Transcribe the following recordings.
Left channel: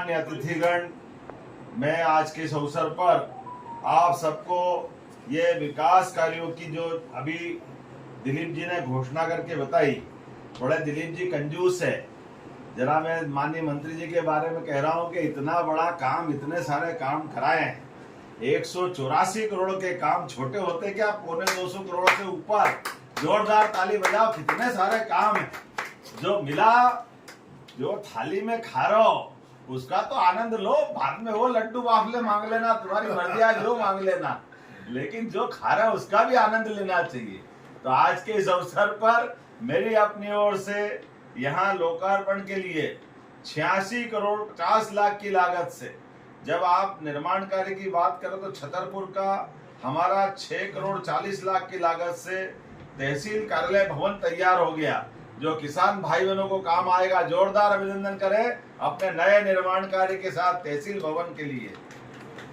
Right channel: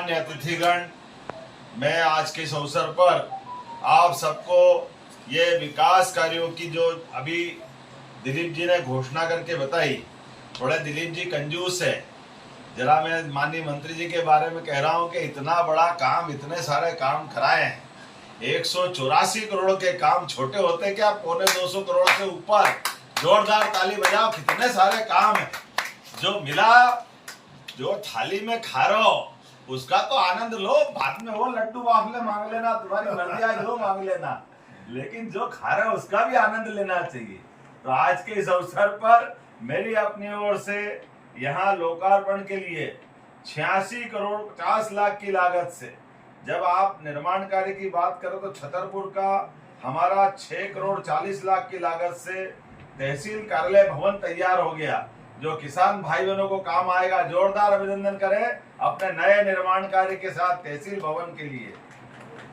मान्य अतिथिगण, मैं आज के इस अवसर पर आप सबको ये विकास कार्यों की जो अभी दिलीप जी ने घोषणा करके बताई, थोड़े दिलीप जी कंजूस है। जरा मैं माननीय मंत्री जी के बारे में कह रहा हूँ कि इतना बड़ा काम, इतने सारे काम कराए हैं। 184 करोड़ के काम छोटे होते क्या, 250 करोड़ से ऊपर। जोरदार ताली बजाओ, कितने सारे काम है जो मिला। जो थाली में खा रहे हो उसका तो आनंद लो, बाद में वो लड्डू वाफले मांग लेना, तुम्हारी मर्जी, आज वो मांग लेना, लेकिन जो खा रहा है उसका भी आनंद लेना चाहिए। तो आज के इस अवसर पर मेरी अपनी ओर से यहाँ लोकार्पण के लिए 86 करोड़ 50 लाख की लागत से, जब आप निर्माण कार्य की बात करो तो छतरपुर का हमारा 6 करोड़ 40 लाख की लागत से तहसील कार्यालय भवन तैयार हो गया, जो किसान भाई बहनों को काम आएगा। जोरदार अभिनंदन करें अपने नए निर्माण कार्य के साथ तहसील भवन के लिए।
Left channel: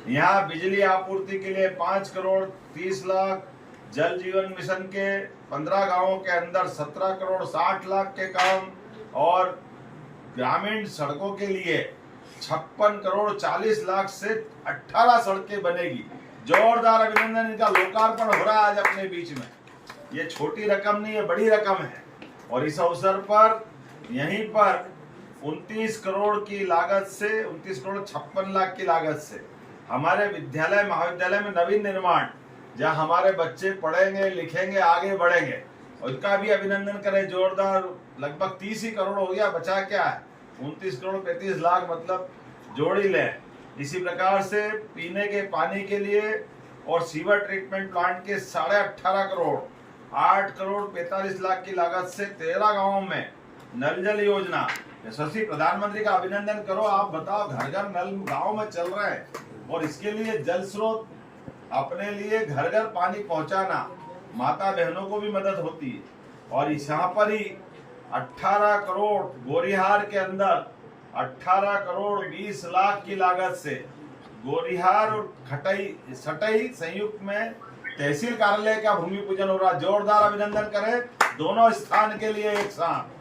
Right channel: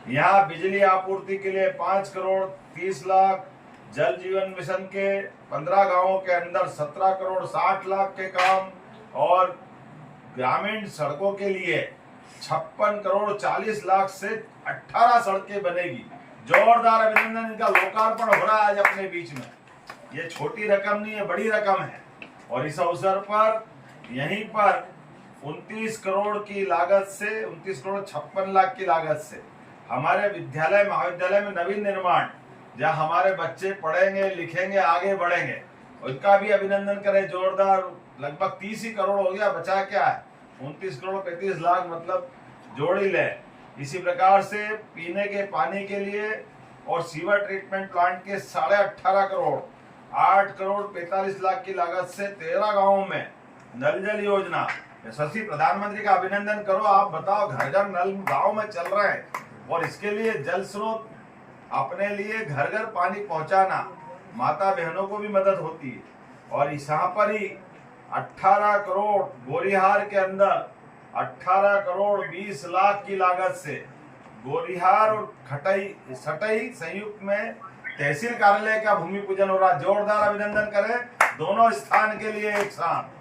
यहाँ बिजली आपूर्ति के लिए 5 करोड़ 30 लाख, जल जीवन मिशन के 15 गांवों के अंदर 17 करोड़ 60 लाख के काम, और ग्रामीण सड़कों के लिए 56 करोड़ 40 लाख से 18 सड़कें बनेगी। जोरदार अभिनंदन, इनका लोकार्पण हो रहा है आज अपने बीच में। ये छोटी रकम नहीं है, बड़ी रकम है। और इस अवसर पर यहीं पर 29 करोड़ की लागत से, 29 करोड़ 56 लाख की लागत से हमारे विद्यालय महाविद्यालय में नवीन निर्माण, जहां हमारे बच्चे पढ़ेंगे, लिखेंगे, आगे बढ़ेंगे, उनका भी अभिनंदन करें। जोरदार, लगभग 30 ही करोड़ हो गया, बचा क्या है, 29 करोड़ 35 लाख, मतलब जोड़ ही ले। इसी प्रकार से पीने के पानी के लिए और सीवर ट्रीटमेंट प्लांट के 18.5 करोड़, 8 करोड़ 45 लाख की लागत से 13 गांवों में नल जल योजना। यशस्वी प्रधानमंत्री का अभिनंदन करो। आप बताओ, घर घर नल गांव में चल रहा है, और इसके लिए जल स्रोत अपने लिए घर घर पानी पहुंचाना, माता बहनों को भी मदद होती है। और यहाँ पर ही 18 करोड़ गोरिहार के अंदर 18 करोड़ 20 लाख की लागत से गोरिहार और सटई संयुक्त में तहसील कार्यालय का भूमि पूजन हो रहा। जोरदार अभिनंदन करें दोनों स्थान के लिए एक साथ।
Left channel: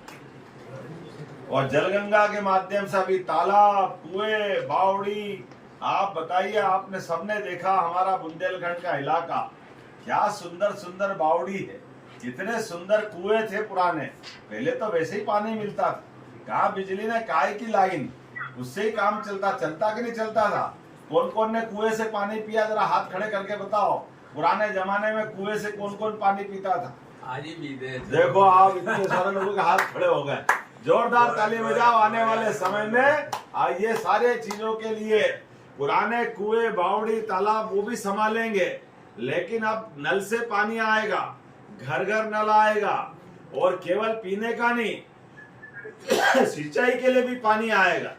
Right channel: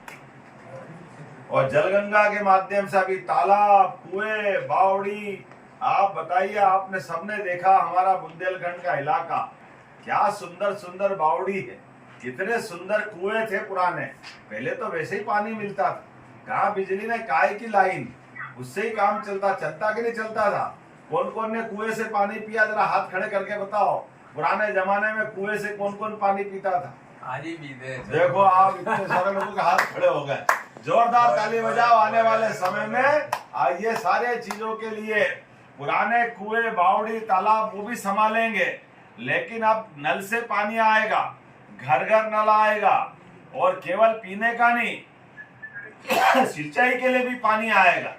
और जलगंगा के माध्यम से अभी तालाब, कुएं, बावड़ी, आप बताइए, आपने सबने देखा हमारा बुंदेलखंड का इलाका, क्या सुंदर सुंदर बावड़ी है, कितने सुंदर कुएं थे पुराने। पहले तो वैसे ही पानी मिलता था, कहाँ बिजली ने काय की लाइन, उससे ही काम चलता कि नहीं चलता था। कौन कौन ने कुएं से पानी पिया, जरा हाथ खड़े करके बताओ। पुराने जमाने में कुएं से कौन कौन पानी पीता था? आज ही भी देखो, आप इतने सारे लोगों के हाथ खड़े हो गए। जोरदार ताली बजाओ। आने वाले समय में ये सारे चीजों के लिए पुराने कुएं, बावड़ी, तालाब वो भी संभालेंगे, लेकिन अब नल से पानी आएगा, घर घर नल आएगा, और केवल पीने का नहीं, सिंचाई के लिए भी पानी आएगा।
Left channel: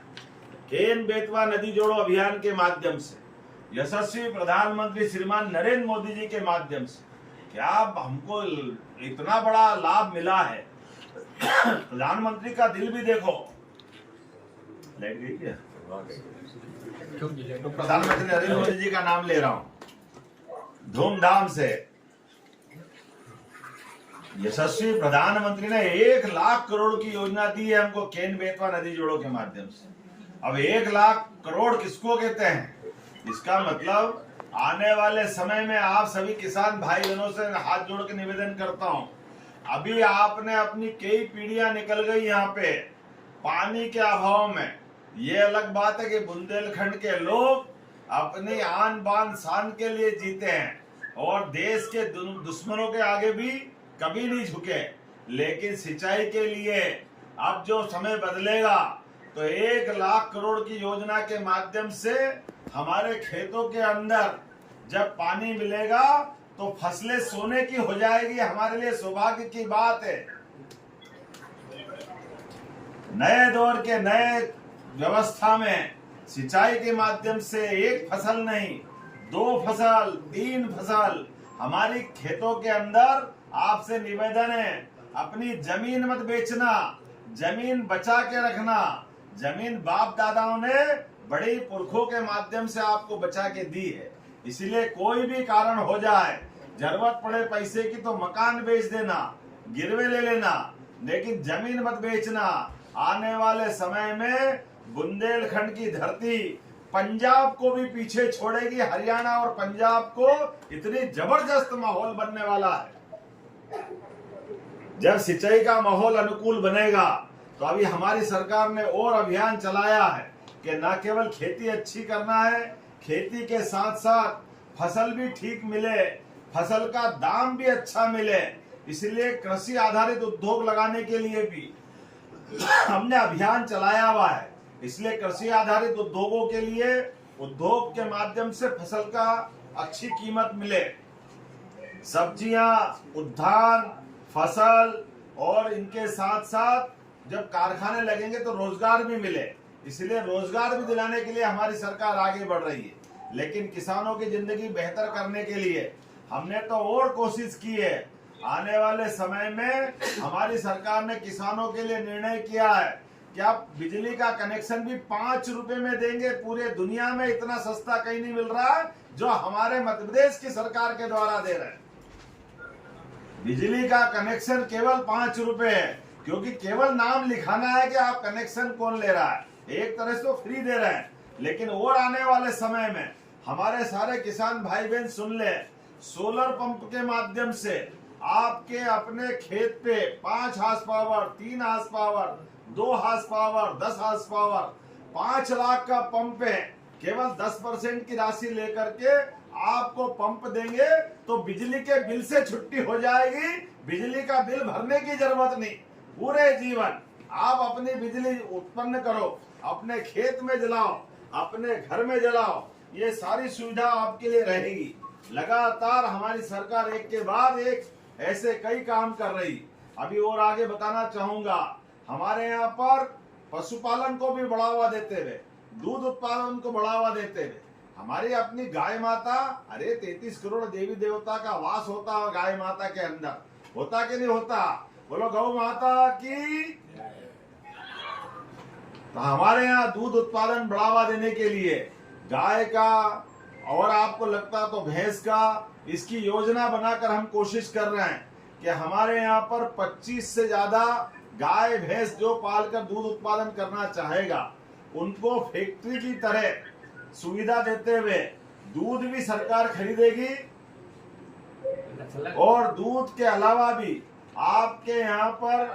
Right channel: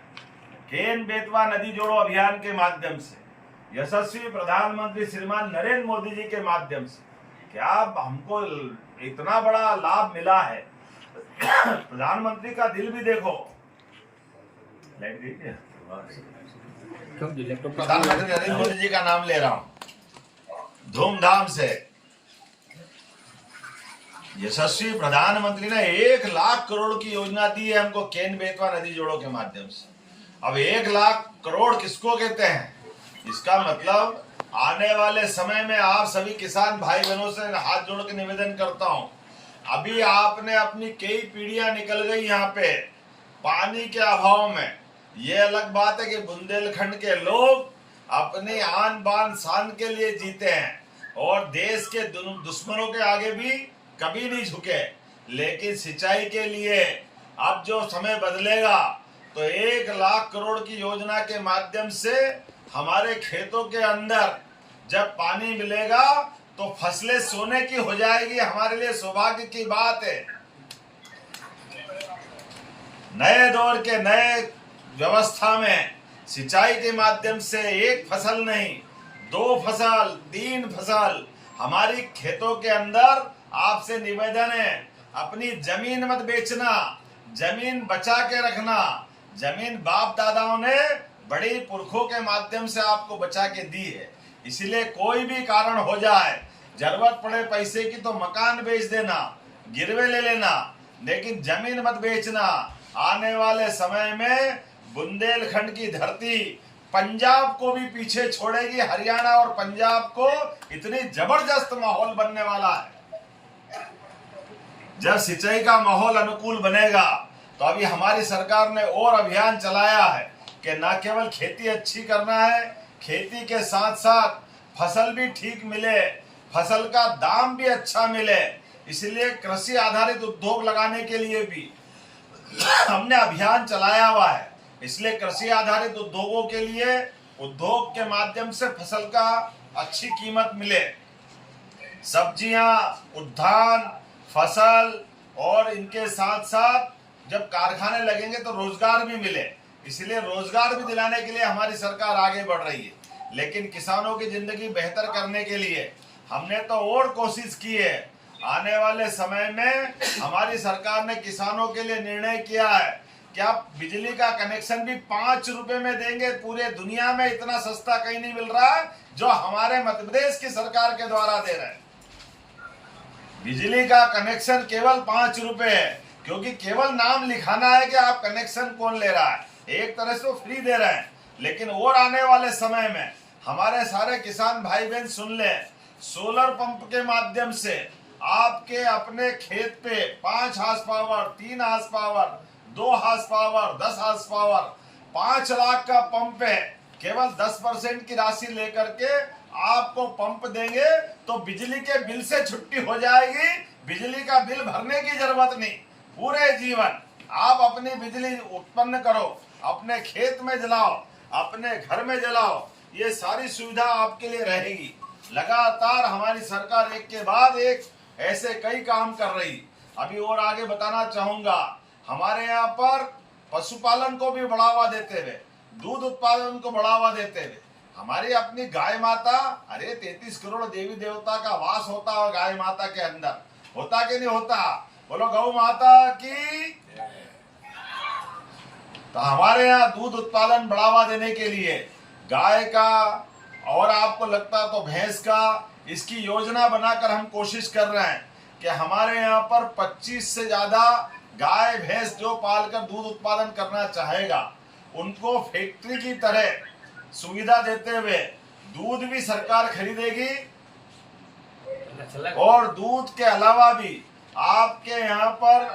केन बेतवा नदी जोड़ो अभियान के माध्यम से, यशस्वी प्रधानमंत्री श्रीमान नरेंद्र मोदी जी के माध्यम से क्या हमको इतना बड़ा लाभ मिला है। प्रधानमंत्री का दिल भी देखो। प्रधानमंत्री नरेंद्र मोदी जी का नाम ले रहा हूं धूमधाम से। यशस्वी प्रधानमंत्री ने 1 लाख करोड़ की योजना दी है हमको केन बेतवा नदी जोड़ो के माध्यम से। अब 1 लाख करोड़ किसको कहते हैं? इसका मतलब आने वाले समय में आप सभी किसान भाई बहनों से हाथ जोड़ के निवेदन करता हूं, अभी आपने अपनी कई पीढ़ियां निकल गई यहाँ पे पानी के अभाव में। ये अलग बात है कि बुंदेलखंड के लोग अपने आन बान शान के लिए जीते हैं, और देश के दुश्मनों के आगे भी कभी नहीं झुके। लेकिन सिंचाई के लिए अब जो समय बदलेगा, तो 1 लाख करोड़ की योजना के माध्यम से हमारे खेतों के अंदर जब पानी मिलेगा तो फसलें सोने की हो जाएगी। हमारे लिए सौभाग्य की बात है। नए दौर के नए व्यवस्था में सिंचाई के माध्यम से 1 फसल नहीं, 2 फसल, 3 फसल हमारी खेतों के अंदर। आपसे निवेदन है, अपनी जमीन मत बेचना, जमीन बचा के रखना। जमीन बाप दादाओं ने बड़े पुरखों के माध्यम से आपको बचा के दी है, इसीलिए कोई भी कारण हो जाए, जरूरत पड़े पैसे की तो मकान बेच देना, गिरवे ले लेना, लेकिन जमीन मत बेचना। आने वाले समय में बुंदेलखंड की धरती पंजाब को भी पीछे छोड़ेगी। हरियाणा और पंजाब को इतनी जबरदस्त माहौल बनने वाला है। जब सिंचाई का माहौल अनुकूल बनेगा तो अभी हमारी सरकार ने और अभियान चलाया है कि न केवल खेती अच्छी करना है, खेती के साथ साथ फसल भी ठीक मिले, फसल का दाम भी अच्छा मिले। इसलिए कृषि आधारित उद्योग लगाने के लिए भी हमने अभियान चलाया हुआ है। इसलिए कृषि आधारित उद्योगों के लिए उद्योग के माध्यम से फसल का अच्छी कीमत मिले, सब्जियां, उद्यान, फसल, और इनके साथ साथ जब कारखाने लगेंगे तो रोजगार भी मिले। इसलिए रोजगार भी दिलाने के लिए हमारी सरकार आगे बढ़ रही है। लेकिन किसानों की जिंदगी बेहतर करने के लिए हमने तो और कोशिश की है। आने वाले समय में हमारी सरकार ने किसानों के लिए निर्णय किया है कि आप बिजली का कनेक्शन भी 5 रुपए में देंगे। पूरे दुनिया में इतना सस्ता कहीं नहीं मिल रहा जो हमारे मध्य प्रदेश की सरकार के द्वारा दे रहे हैं। बिजली का कनेक्शन केवल 5 रुपए है, क्योंकि केवल नाम लिखाना है कि आप कनेक्शन कौन ले रहा है। एक तरह से वो फ्री दे रहे हैं। लेकिन और आने वाले समय में हमारे सारे किसान भाई बहन सुन ले, सोलर पंप के माध्यम से आपके अपने खेत पे 5 horse power, 3 horse power, 2 horse power, 10 horse power, 5 lakh का पंप है। केवल 10% की राशि लेकर के आपको पंप देंगे तो बिजली के बिल से छुट्टी हो जाएगी। बिजली का बिल भरने की जरूरत नहीं। पूरे जीवन आप अपनी बिजली उत्पन्न करो, अपने खेत में जलाओ, अपने घर में जलाओ। ये सारी सुविधा आपके लिए रहेगी। लगातार हमारी सरकार एक के बाद एक ऐसे कई काम कर रही। अभी और आगे बताना चाहूंगा, हमारे यहाँ पर पशुपालन को भी बढ़ावा देते हुए, दूध उत्पादन को बढ़ावा देते हुए हमारी अपनी गाय माता, अरे 33 करोड़ देवी देवता का वास होता है गाय माता के अंदर, होता कि नहीं होता? बोलो गौ माता की। तो हमारे यहाँ दूध उत्पादन बढ़ावा देने के लिए गाय का, और आपको लगता तो भैंस का, इसकी योजना बनाकर हम कोशिश कर रहे हैं कि हमारे यहाँ पर 25 से ज्यादा गाय भैंस जो पालकर दूध उत्पादन करना चाहेगा उनको फैक्ट्री की तरह सुविधा देते हुए दूध भी सरकार खरीदेगी, और दूध के अलावा भी आपके यहाँ पर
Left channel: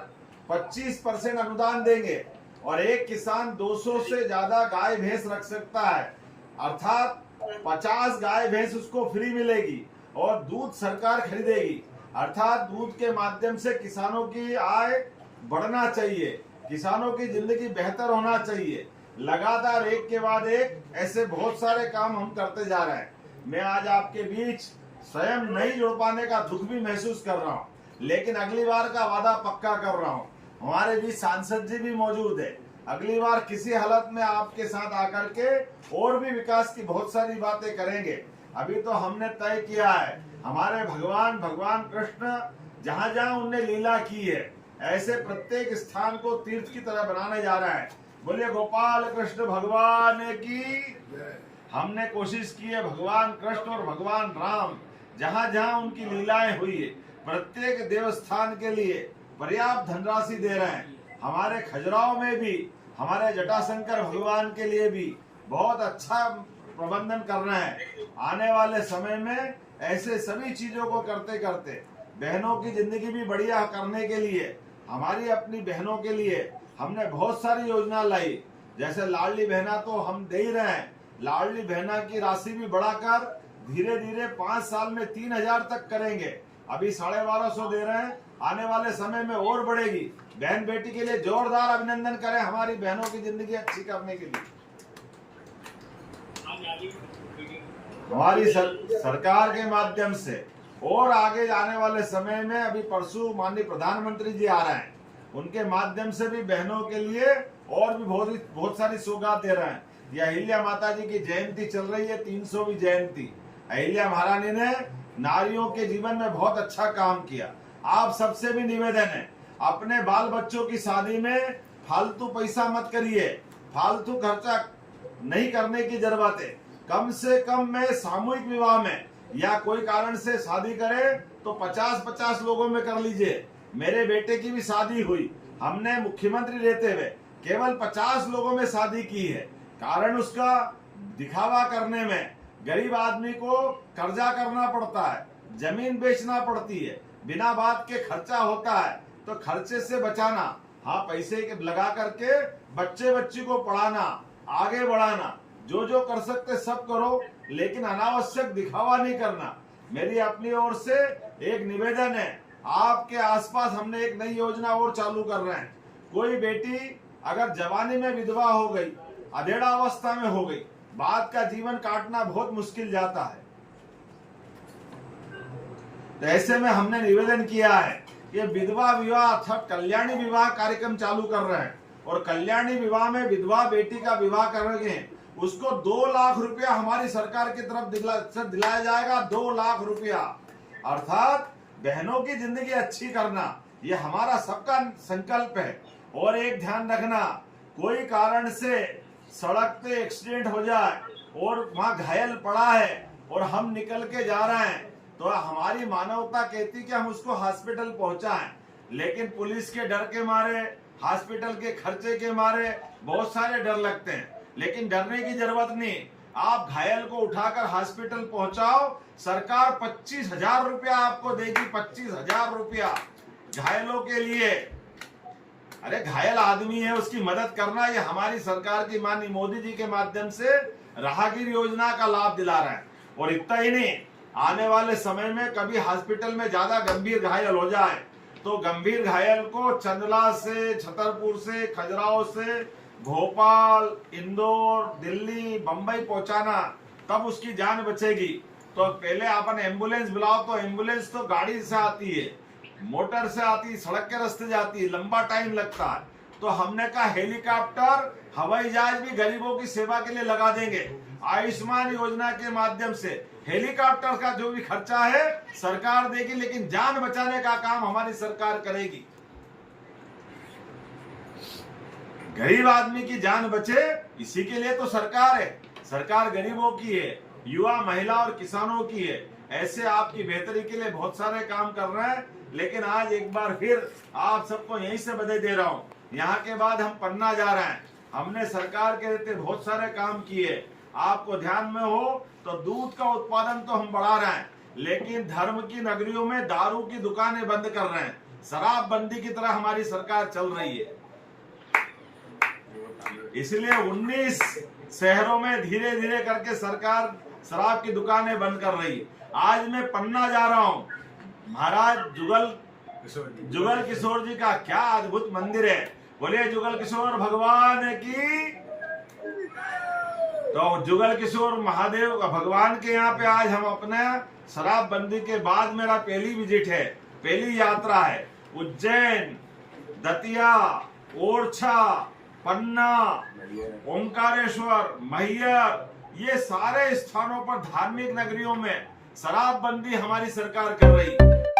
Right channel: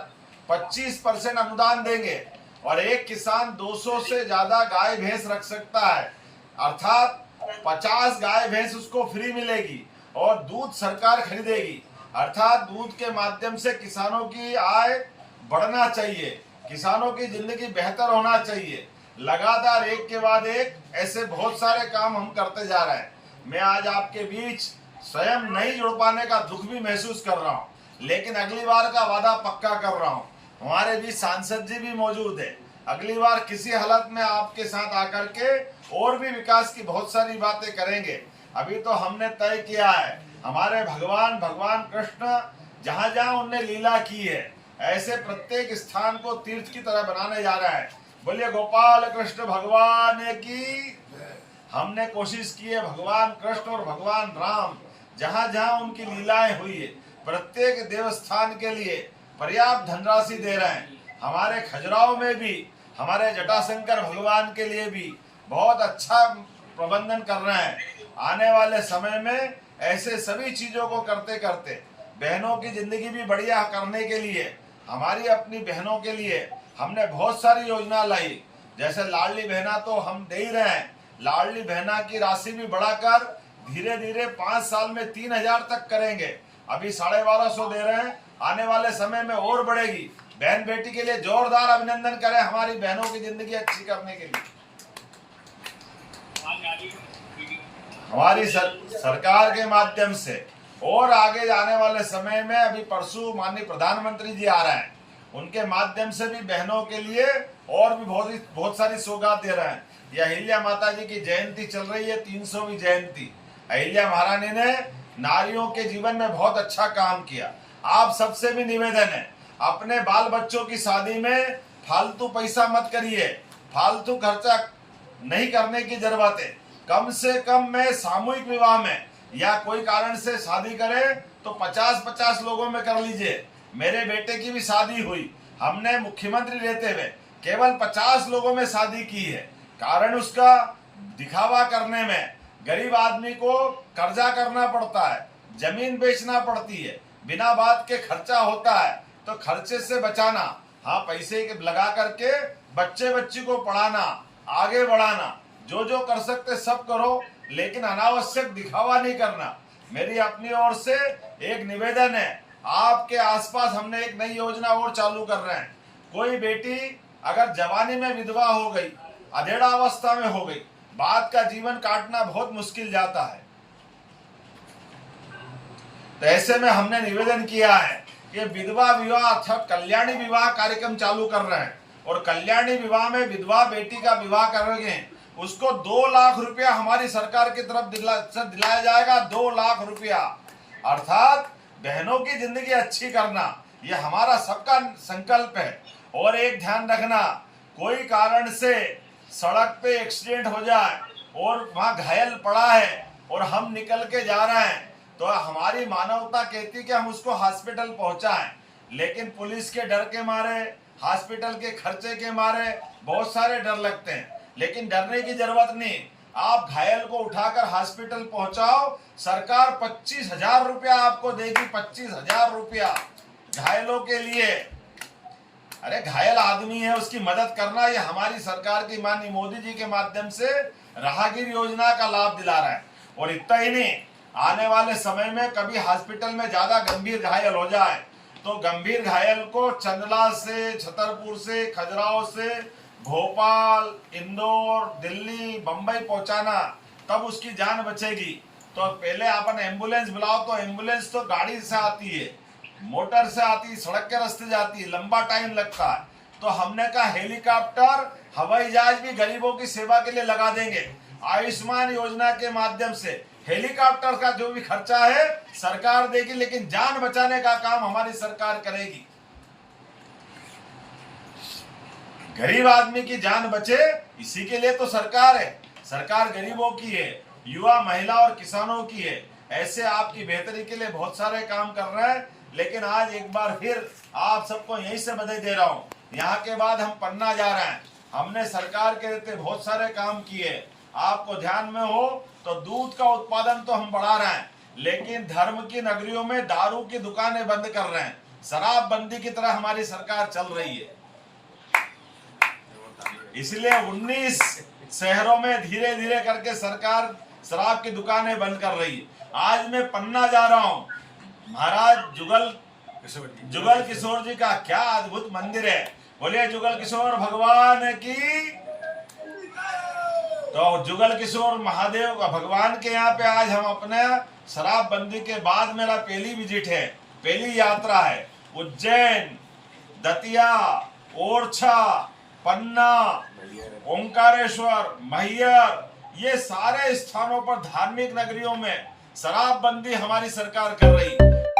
25% अनुदान देंगे, और एक किसान 200 से ज्यादा गाय भैंस रख सकता है, अर्थात 50 गाय भैंस उसको फ्री मिलेगी, और दूध सरकार खरीदेगी। अर्थात दूध के माध्यम से किसानों की आय बढ़ना चाहिए, किसानों की जिंदगी बेहतर होना चाहिए। लगातार एक के बाद एक ऐसे बहुत सारे काम हम करते जा रहे हैं। मैं आज आपके बीच स्वयं नहीं जुड़ पाने का दुख भी महसूस कर रहा हूँ, लेकिन अगली बार का वादा पक्का कर रहा हूँ। हमारे बीच सांसद जी भी मौजूद है। अगली बार किसी हालत में आपके साथ आकर के और भी विकास की बहुत सारी बातें करेंगे। अभी तो हमने तय किया है, हमारे भगवान कृष्ण जहां जहां उनने लीला की है, ऐसे प्रत्येक स्थान को तीर्थ की तरह बनाने जा रहा है। बोलिए गोपाल कृष्ण भगवान की। हमने कोशिश की है भगवान कृष्ण और भगवान राम जहां जहां उनकी लीलाएं हुई है, प्रत्येक देवस्थान के लिए पर्याप्त धनराशि दे रहे हैं। हमारे खजुराहो में भी हमारे जटाशंकर भगवान के लिए भी बहुत अच्छा प्रबंधन कर रहे हैं। आने वाले समय में ऐसे सभी चीजों को करते करते बहनों की जिंदगी भी बढ़िया करने के लिए, हमारी अपनी बहनों के लिए हमने बहुत सारी योजना लाई। जैसे लाडली बहना तो हम दे ही रहे हैं, लाडली बहना की राशि भी बढ़ाकर धीरे धीरे 5 साल में 3000 तक करेंगे। अभी 1250 दे रहे हैं, आने वाले समय में और बढ़ेगी। बहन बेटी के लिए जोरदार अभिनंदन करें हमारी बहनों की जिंदगी अच्छी करने के लिए। हमारी सरकार के माध्यम से और आगे जाने वाले समय में, अभी परसों माननीय प्रधानमंत्री जी आ रहे हैं, उनके माध्यम से भी बहनों के लिए और भी बहुत सारी सौगात दे रहे हैं। यह अहिल्या माता जी की जयंती चल रही है, 300वीं जयंती। अहिल्या महारानी ने नारियों के जीवन में बहुत अच्छा काम किया। आप सबसे भी निवेदन है, अपने बाल बच्चों की शादी में फालतू पैसा मत करिए, फालतू खर्चा नहीं करने की जरूरत है। कम से कम में सामूहिक विवाह में या कोई कारण से शादी करे तो 50-50 लोगों में कर लीजिए। मेरे बेटे की भी शादी हुई, हमने मुख्यमंत्री रहते हुए केवल 50 लोगों में शादी की है। कारण उसका दिखावा करने में गरीब आदमी को कर्जा करना पड़ता है, जमीन बेचना पड़ती है, बिना बात के खर्चा होता है। तो खर्चे से बचाना, हाँ पैसे लगा करके बच्चे बच्ची को पढ़ाना, आगे बढ़ाना, जो जो कर सकते सब करो, लेकिन अनावश्यक दिखावा नहीं करना। मेरी अपनी ओर से एक निवेदन है, आपके आसपास हमने एक नई योजना और चालू कर रहे हैं। कोई बेटी अगर जवानी में विधवा हो गई, अधेड़ा अवस्था में हो गई, बाद का जीवन काटना बहुत मुश्किल जाता है। तो ऐसे में हमने निवेदन किया है कि विधवा विवाह अर्थात कल्याणी विवाह कार्यक्रम चालू कर रहे हैं, और कल्याणी विवाह में विधवा बेटी का विवाह करेंगे, उसको 2 लाख रुपया हमारी सरकार की तरफ दिलाया जाएगा। 2 लाख रुपया, अर्थात बहनों की जिंदगी अच्छी करना, ये हमारा सबका संकल्प है। और एक ध्यान रखना, कोई कारण से सड़क पे एक्सीडेंट हो जाए और वहां घायल पड़ा है और हम निकल के जा रहे हैं, तो हमारी मानवता कहती कि हम उसको हॉस्पिटल पहुंचाएं, लेकिन पुलिस के डर के मारे, हॉस्पिटल के खर्चे के मारे बहुत सारे डर लगते हैं। लेकिन डरने की जरूरत नहीं, आप घायल को उठाकर हॉस्पिटल पहुंचाओ, सरकार 25,000 रुपया आपको देगी। 25,000 रुपया घायलों के लिए। अरे घायल आदमी है, उसकी मदद करना, ये हमारी सरकार की माननीय मोदी जी के माध्यम से राहगीर योजना का लाभ दिला रहा है। और इतना ही नहीं, आने वाले समय में कभी हॉस्पिटल में ज्यादा गंभीर घायल हो जाए तो गंभीर घायल को चंदला से, छतरपुर से, खजुराहो से भोपाल, इंदौर, दिल्ली, बंबई पहुंचाना, तब उसकी जान बचेगी। तो पहले अपन एम्बुलेंस बुलाओ, तो एम्बुलेंस तो गाड़ी से आती है, मोटर से आती, सड़क के रास्ते जाती है, लंबा टाइम लगता है। तो हमने कहा हेलीकॉप्टर, हवाई जहाज भी गरीबों की सेवा के लिए लगा देंगे। आयुष्मान योजना के माध्यम से हेलीकॉप्टर का जो भी खर्चा है सरकार देगी, लेकिन जान बचाने का काम हमारी सरकार करेगी। गरीब आदमी की जान बचे, इसी के लिए तो सरकार है। सरकार गरीबों की है, युवा, महिला और किसानों की है। ऐसे आपकी बेहतरी के लिए बहुत सारे काम कर रहे हैं। लेकिन आज एक बार फिर आप सबको यहीं से बधाई दे रहा हूँ। यहाँ के बाद हम पन्ना जा रहे हैं। हमने सरकार के रहते बहुत सारे काम किए। आपको ध्यान में हो तो दूध का उत्पादन तो हम बढ़ा रहे हैं, लेकिन धर्म की नगरियों में दारू की दुकानें बंद कर रहे हैं। शराब बंदी की तरह हमारी सरकार चल रही है। इसलिए 19 शहरों में धीरे धीरे करके सरकार शराब की दुकानें बंद कर रही है। आज मैं पन्ना जा रहा हूँ, महाराज जुगल किशोर जी का क्या अद्भुत मंदिर है। बोलिए जुगल किशोर भगवान की। तो जुगल किशोर महादेव भगवान के यहाँ पे आज हम अपने शराब बंदी के बाद मेरा पहली विजिट है, पहली यात्रा है। उज्जैन, दतिया, ओरछा, पन्ना, ओंकारेश्वर, मैहर, ये सारे स्थानों पर धार्मिक नगरियों में शराब बंदी हमारी सरकार कर रही है।